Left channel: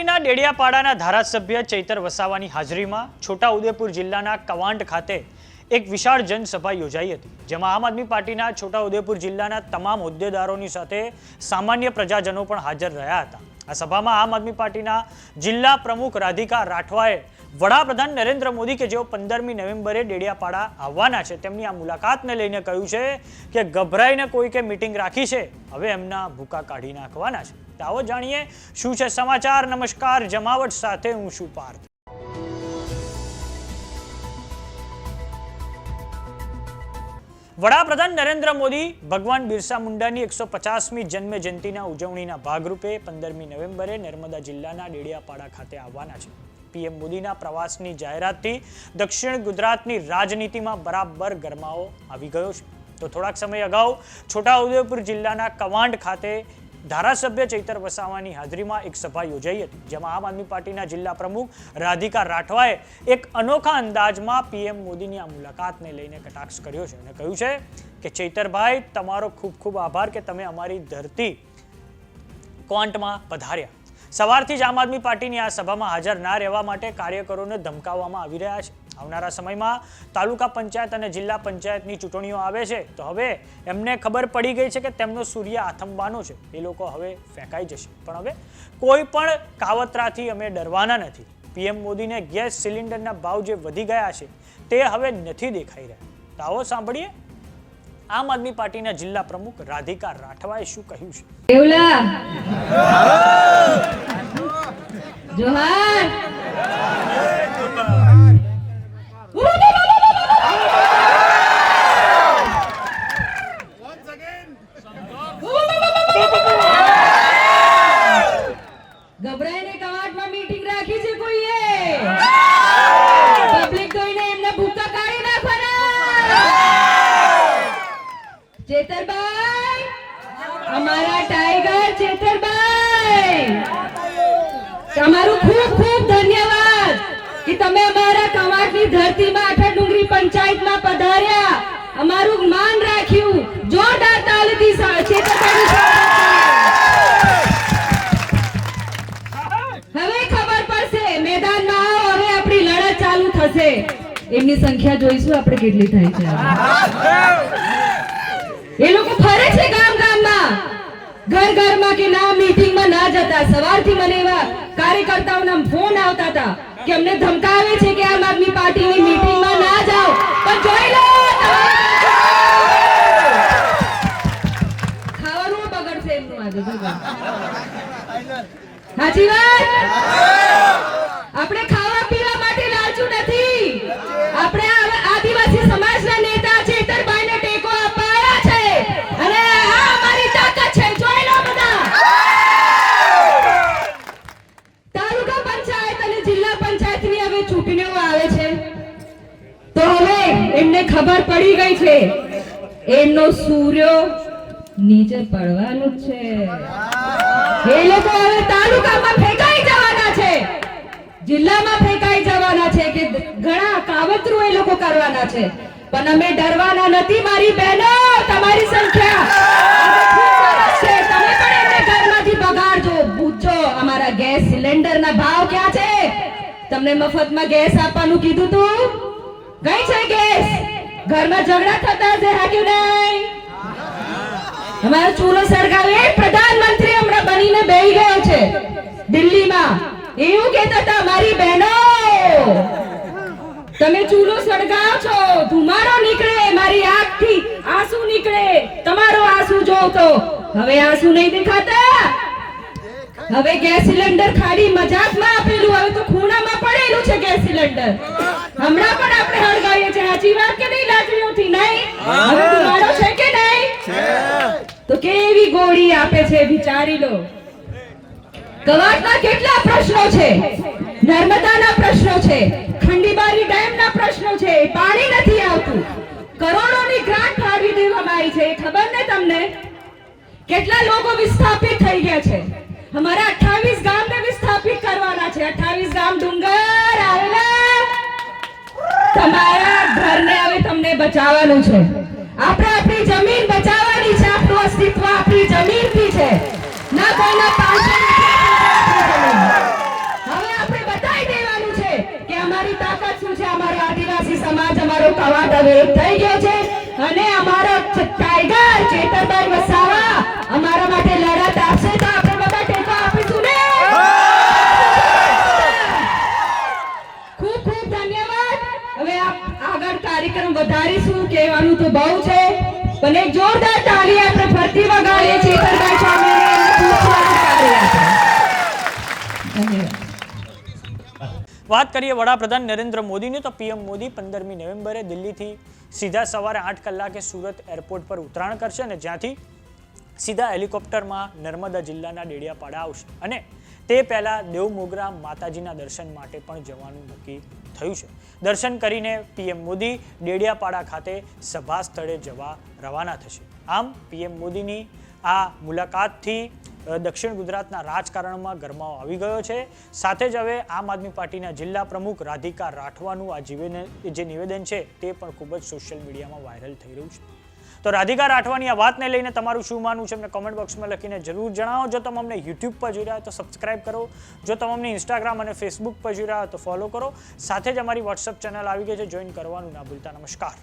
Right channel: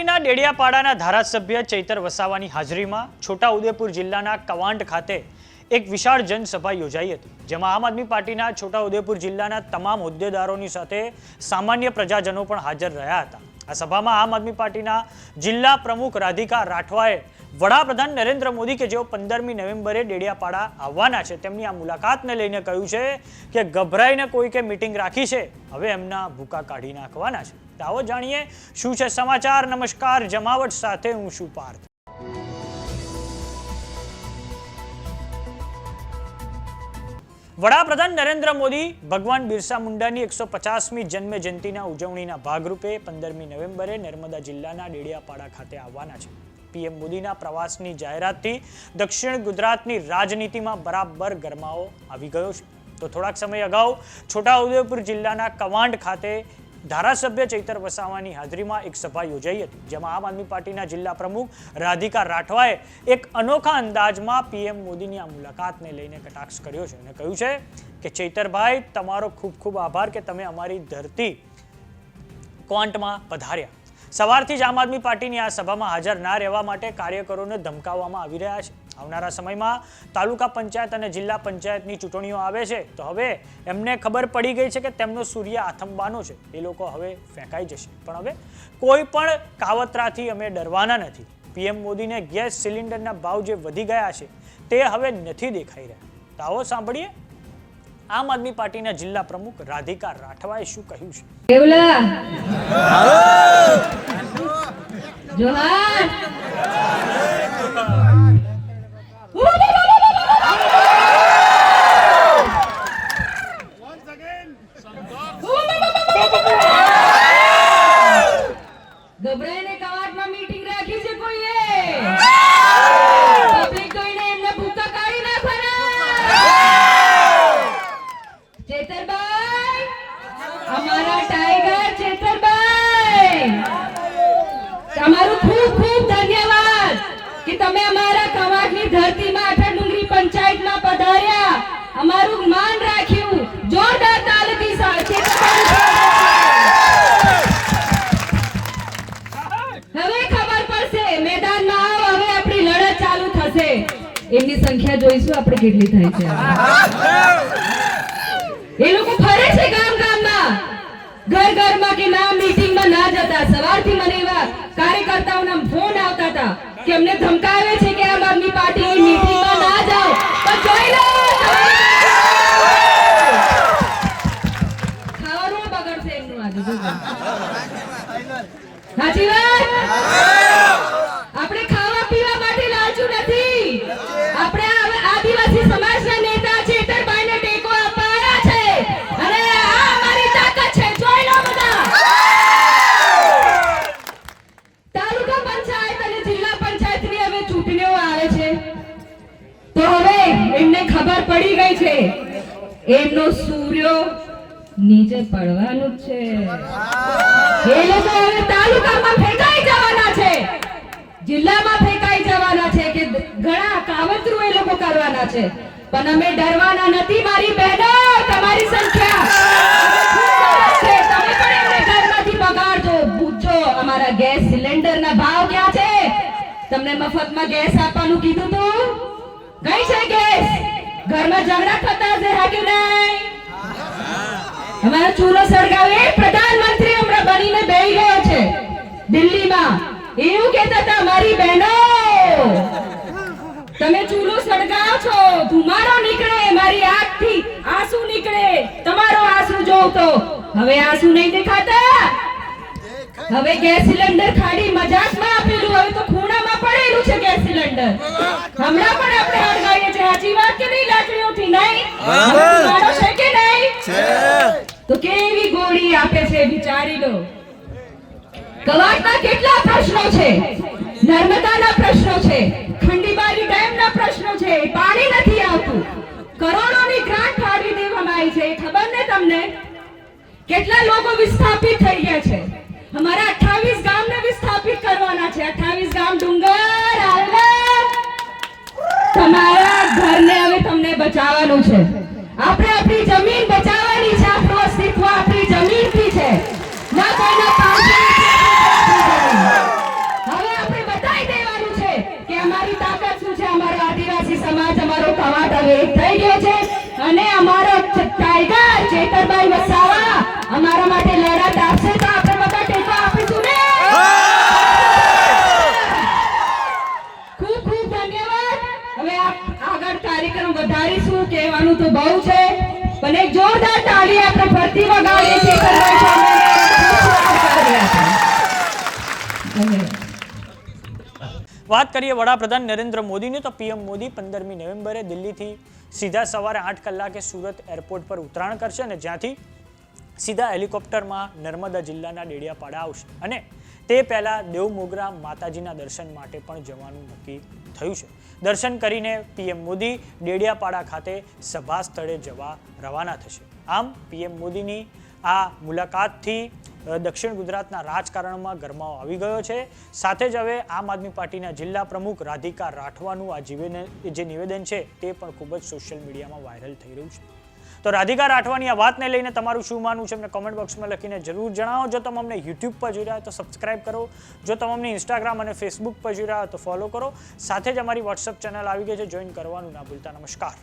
પાર્ટીના ડેડિયાપાડાના ધારાસભ્ય ચૈતર વસાવાની હાજરીમાં છોટાઉદેપુર જિલ્લાના કવાંટ ખાતે એક વિશાળ જનસભા યોજાઈ હતી, જેમાં આમ આદમી પાર્ટીના છોટાઉદેપુર જિલ્લાના તમામ હોદ્દેદારોની સાથે સામાન્ય પ્રજાજનો પણ હાજર રહ્યા હતા। આ સભામાં આમ આદમી પાર્ટીના જિલ્લા પ્રમુખ રાધિકા રાઠવાએ વડાપ્રધાન નરેન્દ્ર મોદી કે જેઓ 15મી નવેમ્બરે ડેડિયાપાડા આવવાના છે તેમની આ મુલાકાતને લઈને કહ્યું છે કે ગભરાઈને કોઈકે મીટિંગ રાખી છે, હવે એમના ભૂકા કાઢી નાખવાના છે। તો આવો જાણીએ શું છે સમાચાર। નમસ્કાર, જમાવટ સાથે હું છું પાર્થ। વડાપ્રધાન નરેન્દ્ર મોદી ભગવાન બિરસા મુંડાની 150મી જન્મ જયંતિના ઉજવણીના ભાગરૂપે 15મી નવેમ્બરે નર્મદા જિલ્લાના ડેડિયાપાડા ખાતે આવવાના છે। પીએમ મોદીના પ્રવાસની જાહેરાતથી દક્ષિણ ગુજરાતની રાજનીતિમાં બરાબર ગરમાવો આવી ગયો છે। તો થોડાક સમય અગાઉ છોટાઉદેપુર જિલ્લાના કવાંટ ખાતે ધારાસભ્ય ચૈતર વસાવાની હાજરીમાં એક સભા યોજાઈ હતી, જેમાં આમ આદમી પાર્ટીના જિલ્લા પ્રમુખ રાધિકા રાઠવાએ એક અનોખા અંદાજમાં પીએમ મોદીની આ મુલાકાતને લઈને કટાક્ષ કર્યો છે અને કહ્યું છે કે ચૈતરભાઈ, તમારો ખૂબ ખૂબ આભાર કે તમે અમારી ધરતી ક્વાંટમાં પધાર્યા। સવારથી જ આમ આદમી પાર્ટીની આ સભામાં હાજર ના રહેવા માટે કાર્યકરોને ધમકાવવામાં આવી રહ્યા છે। આવનારા સમયમાં તાલુકા પંચાયત અને જિલ્લા પંચાયતની ચૂંટણીઓ આવે છે, તો હવે એમને ખબર પડી ગઈ છે કે તેમનો સૂર્ય આથમવાનો છે, એ લોકો હવે ફેંકાઈ જશે। પણ હવે કોઈ પણ કાવતરાથી અમે ડરવાના નથી। પીએમ મોદીને ગેસ સિલિન્ડરના ભાવ જે વધી ગયા છે તે હવે નથી દેખાઈ રહ્યા। તો આવો સાંભળીએ આમ આદમી પાર્ટીના જિલ્લા પ્રમુખ રાધિકા રાઠવાએ શું કહ્યું છે। ગભરાઈને કવાટમાં મીટિંગ રાખી છે કોઈએ? પબ્લિક જોઈને એમને ભૂકા કાઢી નાખવાના। ચેતરભાઈ, અમારા ટાઈગર ચેતરભાઈ, તમારું ખૂબ ખૂબ ધન્યવાદ કે તમે અમારા કવાટની ધરતીમાં આખા ડુંગરી પંચાયતમાં પધાર્યા, અમારું માન રાખ્યું। જોરદાર તાલીથી સાથે હવે ખબર પડશે, મેદાનમાં આવો, હવે આપણી લડત ચાલુ થશે। એમની સંખ્યા જોઈશું આપણે કેટલી થાય છે। એ લોકો ફરે છે ગામ ગામમાં, ઘર ઘરમાં કે ના મીટિંગમાં ના જતા। સવારથી મને એવા કાર્યકર્તાઓના ફોન આવતા હતા કે અમને ધમકાવે છે કે આમ આદમી પાર્ટીની મીટિંગમાં ના જાઓ, પણ જોઈ લો ખાવાનું બગડશે એમનું આજે। સાચી વાત? આપણે ખાવા પીવા માટે લાલચુ નથી, આપણે આદિવાસી સમાજના નેતા ચેતરભાઈને ટેકો આપવા આવ્યા છે અને આ અમારી તાકાત છે। જોઈ લો બધા। તાલુકા પંચાયત અને જિલ્લા પંચાયતની હવે ચૂંટણીઓ આવે છે, તો હવે એમને ખબર પડી ગઈ છે એમનો સૂર્ય નીચે પડવાનું છે। એ લોકો હવે તાલુકામાં ફેંકાઈ જવાના છે, જિલ્લામાં ફેંકાઈ જવાના છે કે ઘણા કાવતરું એ લોકો કરવાના છે, પણ અમે ડરવાના નથી મારી બહેનો। તમારી સંખ્યા છે, તમે પણ એમને ઘરમાંથી બગાડજો। પૂછો અમારા ગેસ સિલિન્ડરના ભાવ ક્યાં છે? તમને મફતમાં ગેસ આપવાનું કીધું તું, કઈ છે ગેસ? ઘરમાં ઝઘડા થતા હશે, હાક્યું નહીં? અમારો ચૂલો સળગાવે પ્રધાનમંત્રી હમણાં બનીને બેસી ગયો છે દિલ્હીમાં, એવું કહેતા હતા મારી બહેનો તમે ચૂલો સળગાવો છો, ધુમાડો નીકળે, મારી આંખથી આંસુ નીકળે, તમારો આંસુ જોતો હવે આંસુ નહીં દેખાતા। હવે ગેસ સિલિન્ડર ખાલી મજાકમાં આપેલું, હવે તો ખૂણામાં પડેલું છે ગેસ સિલિન્ડર। હમણાં પણ આપણે હળગાવીએ છીએ, સાચી વાત કે નહીં? લાકડીઓથી નહીં, ધુમાડો છે કે નહીં? તો કેવી ગોળી આપે છે, વિચારી લો। કવાટના કેટલા પ્રશ્નો છે, નર્મદાના પ્રશ્નો છે, ખંડીબારી ડેમના પ્રશ્નો છે, પાણી નથી આવતું, કરોડોની ગ્રાન્ટ ફાળવી દેવામાં આવી છે, ખબર ને તમને? કેટલા લોકો વિસ્થાપિત થઈ ગયા છે, અમારા 28 ગામને વિસ્થાપિત કરવાના છે। 28 ગામ ડુંગર આવેલા, તમારા ઘરને હવે તમને બચાવવાનું છે। આપણે આપણી જમીન બચાવવાની છે, આપણું અસ્તિત્વ આપણી જમીનથી છે, ના કોઈના પાંચ। અને અમારો ટાઈગર ચેતરભાઈ વસાવા અમારા માટે લડત આપશે તો આપણે બધા ટેકો આપીશું ને. ખૂબ ખૂબ ધન્યવાદ. હવે આગળ કાર્યક્રમ વધારીશું. કહેવાનું તો બહુ છે, પણ એક જોરદાર તાળી આપણે ફરતી વગાડીએ ચેતરભાઈ સામે. વાત કરીએ વડાપ્રધાન નરેન્દ્ર મોદીની, તો પીએમ મોદી 15મી નવેમ્બરે દિલ્હીથી સીધા સવારે 8 કલાકે સુરત એરપોર્ટ પર ઉતરાણ કરશે અને જ્યાંથી સીધા હેલિકોપ્ટરમાં નર્મદા જિલ્લાના ડેડિયાપાડા આવશે અને તે પહેલા દેવમોગરા માતાજીના દર્શન માટે પણ જવાનું નક્કી થયું છે. દર્શન કરીને પીએમ મોદી ડેડિયાપાડા ખાતે સભા સ્થળે જવા રવાના થશે. આમ પીએમ મોદીની આ મુલાકાતથી દક્ષિણ ગુજરાતના રાજકારણમાં ગરમાવો આવી ગયો છે. સાથે જ હવે આમ આદમી પાર્ટીના જિલ્લા પ્રમુખ રાધિકા રાઠવાનું આ જે નિવેદન છે તે પણ ખૂબ જ સોશિયલ મીડિયામાં વાયરલ થઈ રહ્યું છે. તો રાધિકા રાઠવાની આ વાતને લઈને તમારું શું માનવું છે અમને કોમેન્ટ બોક્સમાં લખીને જરૂર જણાવો. જો તમે અમને યુટ્યુબ પર જોઈ રહ્યા તો સબસ્ક્રાઇબ કરો. જો તમે અમને ઇન્સ્ટાગ્રામ અને ફેસબુક પર જોઈ રહ્યા તો ફોલો કરો. સાથે જ અમારી વોટ્સઅપ ચેનલ આવી ગઈ છે, જોઈન કરવાનું ના ભૂલતા. નમસ્કાર.